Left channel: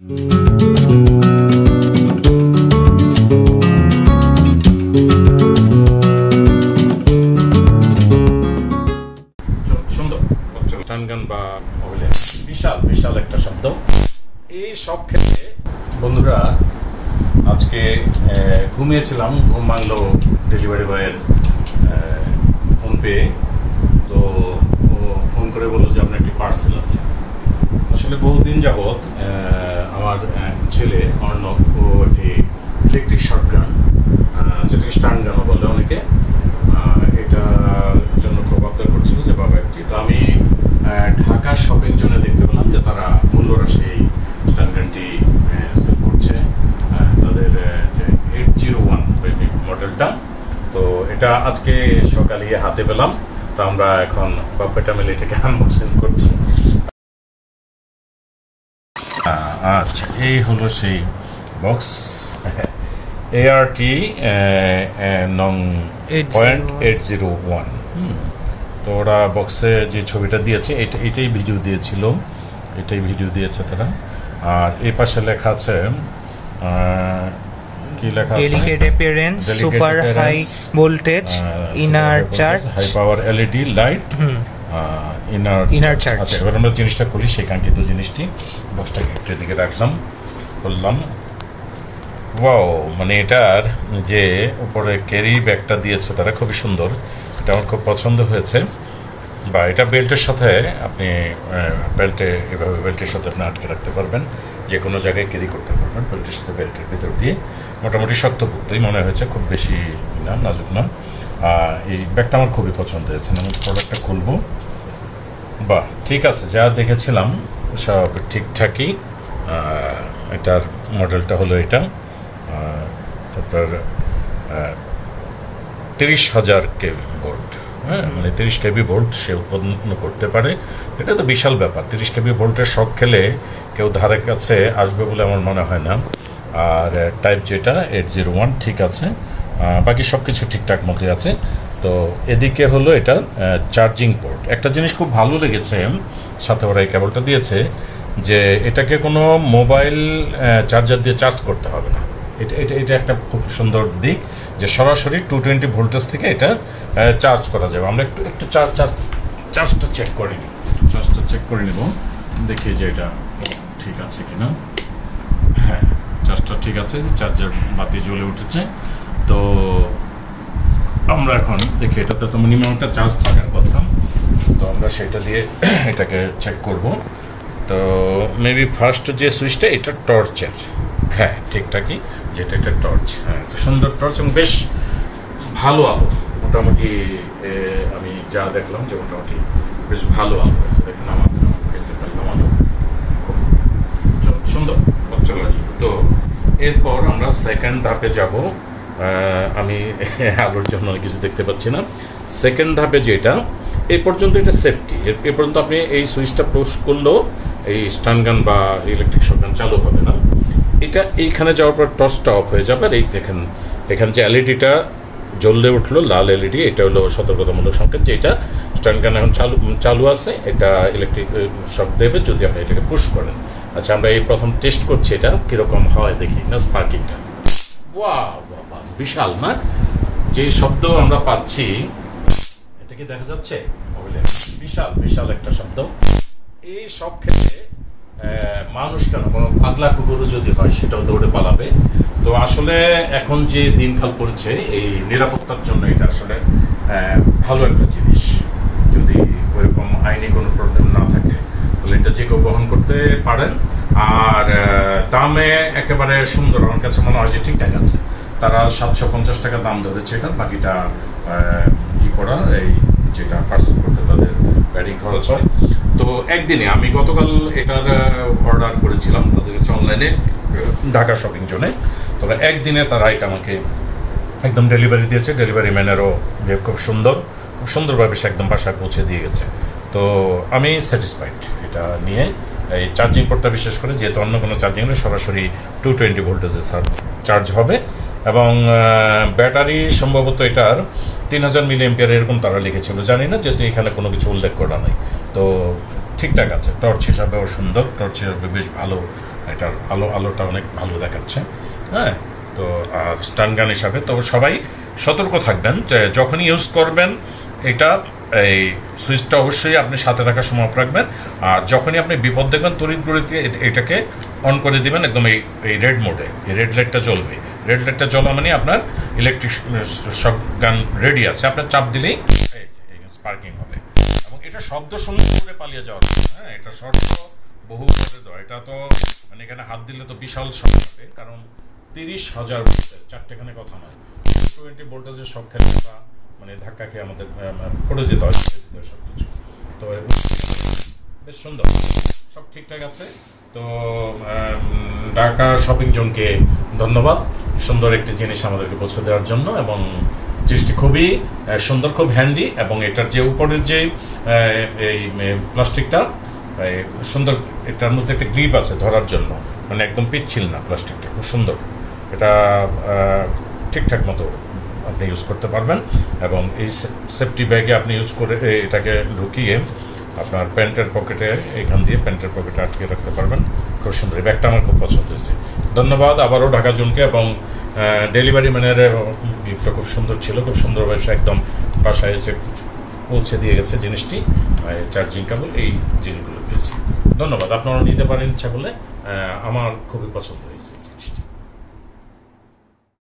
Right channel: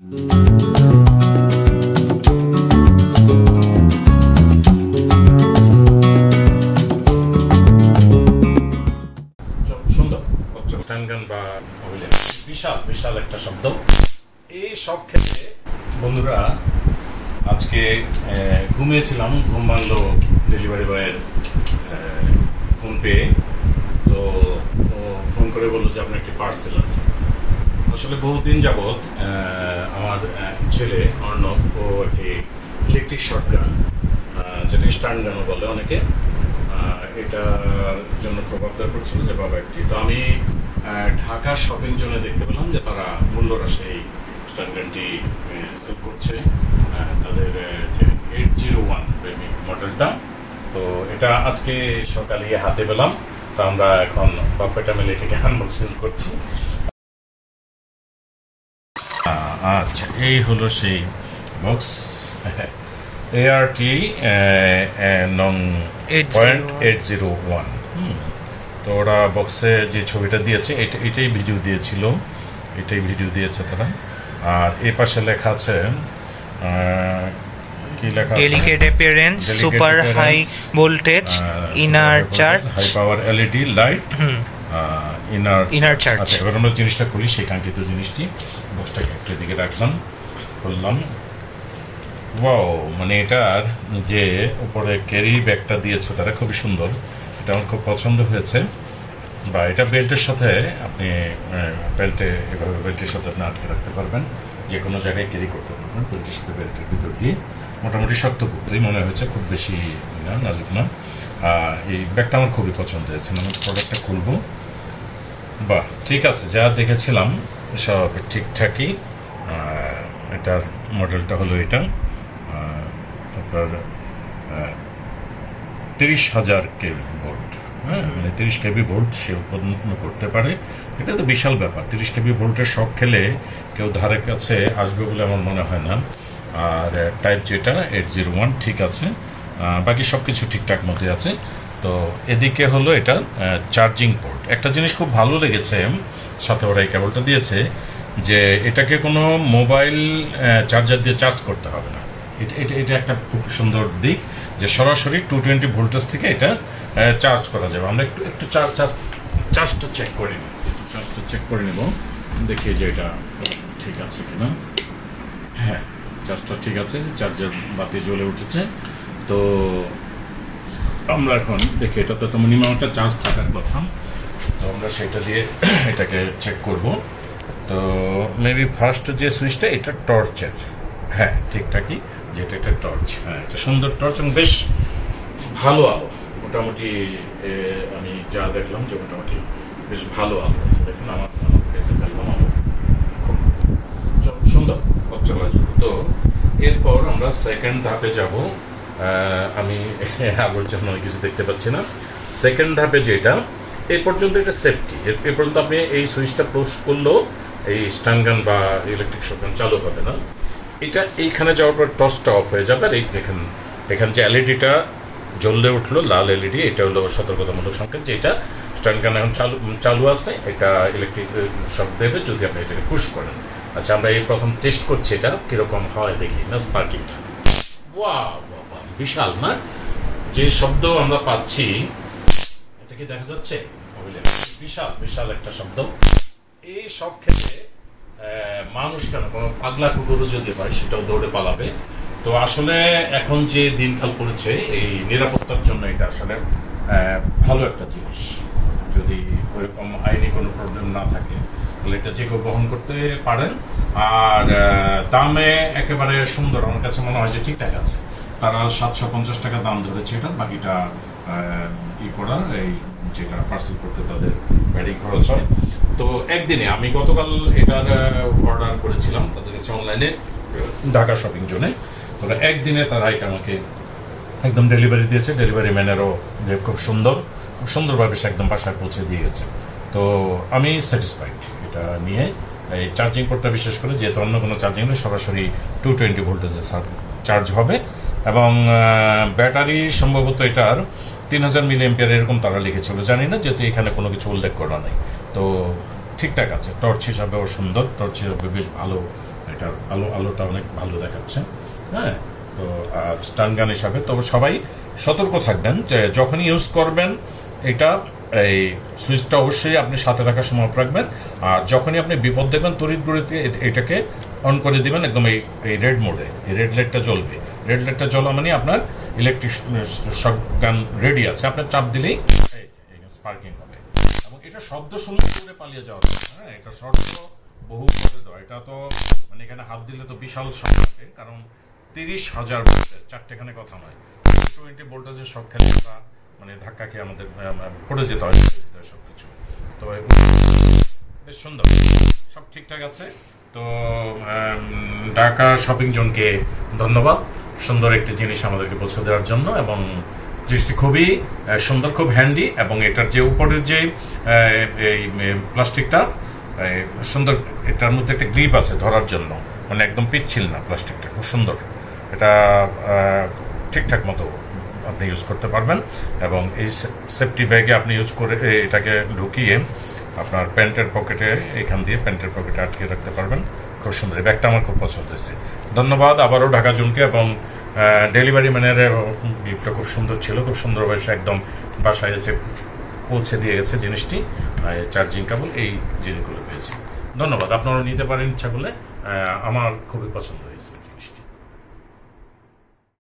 সুন্দর স্টানগান বা বিশাল বিশাল একটা শব্দ। এই সব ক্ষেত্রে বন্ধুরা আজকে ঘুমিয়েছিলাম, ঘুম ভাঙলো ডেলিভারি বয়ের ফোন পেয়ে। তো ও ফোন করে বললো যে আপনার একটি পার্সেল আছে। আসলে বহুদিন যাবৎ আমার ছেলে অর্ণব ও একটি ইলেকট্রিক শটগান, যেটাকে স্টানগানও বলে অনেকে, এটার জন্য খুব আবদার করছিল যে বাবা একটি। তো আমি ঢাকা শপিং জোনে দেখতে পেলাম যে তারা মূল্যরাশি এই স্টানগানটি সেল করছে, তাদের 801 মডেলটা। তো এটা আজকে সকালে হাতে পেলাম। তো আমরা এখন বাপ্পাটা মিলে এটাকে আনবক্সিং করছি। আচ্ছা, এই হলো সেই বক্স, ART নং 801। তো ওরা বক্সে যে ছবিটা দিয়েছে এটাই ভিডিও দিয়েছিল, এটাই ভিডিও দিয়েছে তারা। আর এই পাশে লেখা আছে কি লেখা আছে, delicate appearance, super high voltage, inner charge, high power LED light, inner charge. আচ্ছা, এবার আমরা জিনিসটা খুলি, সেই কাঙ্ক্ষিত জিনিসটি। বক্সটাকে একটা দিকে রাখলাম, খুললাম। ওয়াও, মানে এটার যে উপরে ক্যারি ব্যাগটা দিয়েছে তারা খুবই সুন্দর, এটা আমার খুব পছন্দ হয়েছে। বা এটা বেল্টের সাথে আপনি এভাবে বেল্টের সাথে আপনি আটকে রাখতে পারবেন, যে কোনো জায়গায় ক্যারি করতে পারবেন বেল্টের সাথে। বেল্টের ভিতর দিয়ে মোটামুটি শক্তপোক্তই মনে হয়েছে, খুব বেশি না, নাজুক না। এই ব্যাগটা আমার খুবই পছন্দ হয়েছে। আমি প্রোডাক্টটা খুলবো। বাহ, ঠিক আছে, যা দেখেছিলাম সব ঠিকঠাকই। এটার মডেলটা হলো এটা, আপনার 30,000 কেভি ভোল্ট। হ্যাঁ, মানে 30 কেভি ভোল্ট সে উৎপন্ন করতে পারে। এটা তো বিশাল ব্যাপার। 30 কেভি ভোল্টের শক খেলে কেউ ধারে কাছে আসবে বলে আমার মনে হয় না। আর টাইপ যেটা 801 ঠিক আছে, বাকি সব কিছু ঠিকঠাক মধ্যে আছে। তো এদিকে হলো এটা চার্জিং পোর্ট। একটা জিনিস খুব ভালো লেগেছে, সাথে ওরা এই কেবলটা দিয়েছে, যে এটাকে কোনো মোবাইল চার্জার দিয়ে চার্জ করতে হবে না। এটা একটা খুব সুন্দর দিক, যে সরাসরি 220 ভোল্টেজ থেকে এটা চার্জ করা যাবে। আমরা একটু চার্জটা চেক করে নিই, দেখি যে এটা ঠিক আছে কিনা। হ্যাঁ, চার্জটা ঠিক আছে, চার্জার বাতি জ্বলে উঠেছে। তো আমরা এখন দেখি, এটাতে তো মিনিমাম একটা চার্জ থাকার কথা। তো আমরা সেটা দিয়ে এটাকে চেক করব। তো মেবি ফার্স্ট যে সুইচটা, এটা টর্চের। হ্যাঁ, ঠিকঠাকই, যেটা এটা টর্চ। হ্যাঁ, একটা সুন্দর টর্চ এবং বেশ ভালো আলো। মোটামুটি আমি যা দেখলাম যে মোটামুটি বেশ ভালো আলো। দেখেন আমার কাছে দেখলাম আলো খুব সুন্দর চলাচল। তো এরপর আমরা সেকেন্ড ধাপে যাব। আমি আলোর জন্য কিছু দেখতে পাচ্ছি না। সেকেন্ড ধাপে যেটা, এই পর্যন্ত এটা সেফটি। এ পর্যন্ত আপনি এই সুইচটা পুশ করলেও এই স্টানগান বা ইলেকট্রিক শটগান চালু হবে না। এটা এইখানে যাওয়ার পর টর্চটা অফ হয়ে যাবে। আর এই দেখেন, এখানে যে এলইডিটা জ্বললে উঠলো, লাল এলইডি, এটা হলো সতর্কতামূলক সংকেত যে এটা স্টানগান এখন চালু আছে। এটা ইলেকট্রিক শক দেবে যদি আপনি এটাকে পুশ করেন। আচ্ছা, আমরা এই প্রথম টেস্ট করছি এটা কিরকম হয়, দেখি না স্পার্কিংটা। ওয়াও, বিশাল না? যে শব্দ আমরা পাচ্ছি, এটা কি দেখা যাচ্ছে? বিশাল বিশাল একটা শব্দ। এই সব ক্ষেত্রে মানুষ কেন, কোনো পাগলা কুকুরও যদি হয় সেটাও দৌড়ে পালাবে। তো আসলে এখন যে দিনকাল পড়েছে, এই নিরাপত্তার জন্য এটা আসলে ভালো একটা জিনিস। যদি ওইরকম আইনি কোনো প্রবলেম না থাকে তাহলে এটা যে কেউ গ্রহণ করতে পারেন। আর দামে একেবারে সুন্দর, আমার কাছে মনে হয় যে ঠিকঠাক আছে। তারা 750 টাকা দাম ধরেছে এটা, বাকিটা করা, এই যেটা পার্সেল করতে তাদের গাড়ি খরচ হয়। তো একদিনে আমি গতকাল এটার অর্ডার করেছিলাম তাদের কাছে অনলাইনে, ঢাকা শপিং জোনে। তবে একদিনে তারা এটা আমাকে একদম ডেলিভারি দিয়েছে। ডেলিভারি ম্যানেরও খুব সুন্দরভাবে সে একদম বাসায় পৌঁছে দিয়ে গেছে। তো আমি স্যাটিসফাইড এটা নিয়ে। এই চার্জিং পোর্টটা বিশেষ করে, যেহেতু অন্য কোনো চার্জিং হলে সরাসরি 220 ভোল্টেজে চার্জ হবে। এবং ব্যাটারি সম্ভবত এটার 3000 মিলিঅ্যাম্পিয়ার এরকম তারা লিখেছিল, জানি না, যেহেতু এখানে কোনো কিছু উল্লেখ করা নাই। তো ঠিকঠাক আছে, টর্চ হিসাবেও সুন্দর, টর্চ হিসাবে বেশ ভালো এটার আলোটা অনেক ভালো দেখাচ্ছে। হ্যাঁ, তো আর স্টান গান হিসাবে তো সবাই সতর্ক থাকবেন যে যখনই ইউজ করবেন এটা এই সুইচটা অবশ্যই আপনি সাথে রাখার সময় অফ রাখবেন, আর যখনই আপনি বিপদ দেখবেন তড়িৎ গতিতে এটাকে অন করে দিবেন একদম এই রেড মোডে। এই রেড লাইটটা জ্বলবে, রেড লাইটটা জ্বলা মানে আপনার ইলেকট্রিক শক গান রেডি আছে, আপনার চাপ দিলেই স্পার্কিং হবে। এবং এটা শব্দ শুনলে দূরে পালিয়ে যাওয়ার। হ্যাঁ, এটা শর্ত বহু করে দেওয়া, এটা তো মানে এখানে হাত দিলে তো বিশাল শক হবে, কারণ 30,000 ভোল্টের, চারটেখানে কথা নয়, 20 ভোল্টেজের শক খেলে মানে ধাক্কা খেয়ে আমাদের পড়ে যেতে হয় সবকিছু। তো বেশ সুন্দর, সব ঠিকঠাক আছে। তো ঢাকা শপিং জোনকে ধন্যবাদ সুন্দর একটি জিনিস আমাদেরকে পৌঁছে দেওয়ার জন্য, এবং জিনিসটি খুবই সুন্দর, খুব হ্যান্ডি, এবং এটার যে উপরের যে এই প্লাস্টিকটা সুন্দর, এটার মধ্যে একটা গ্রিপ আছে ধরার জন্য, মানে একদম পিচ্ছিল না প্লাস্টিকটা, খুব সুন্দর। এটা ঠিকঠাক মতো আপনি ইউজ করতে পারবেন, এবং এই সেফটি ব্যাগে আপনি ইউজ করে এটাকে ঢুকিয়ে আপনার প্যান্টের পকেটে, এখান দিয়ে প্যান্টের পকেটে আটকে রাখতে পারবেন। খুব সুন্দর, এই ব্যাগটা আমার খুব পছন্দ হয়েছে। ধন্যবাদ আবারও ঢাকা জোনকে, এবং ডেলিভারি ম্যানের গিফটটা খুব সুন্দর ছিল, খুব সুন্দরভাবে একদম বাসায় এসে পৌঁছে দিয়ে গেছে জিনিসটি, চার্জিং কেবল, এই জিনিসগুলো পেয়েছি। ধন্যবাদ, আপনারাও নিতে পারেন ইচ্ছা করলে, আমার খুবই পছন্দ হয়েছে।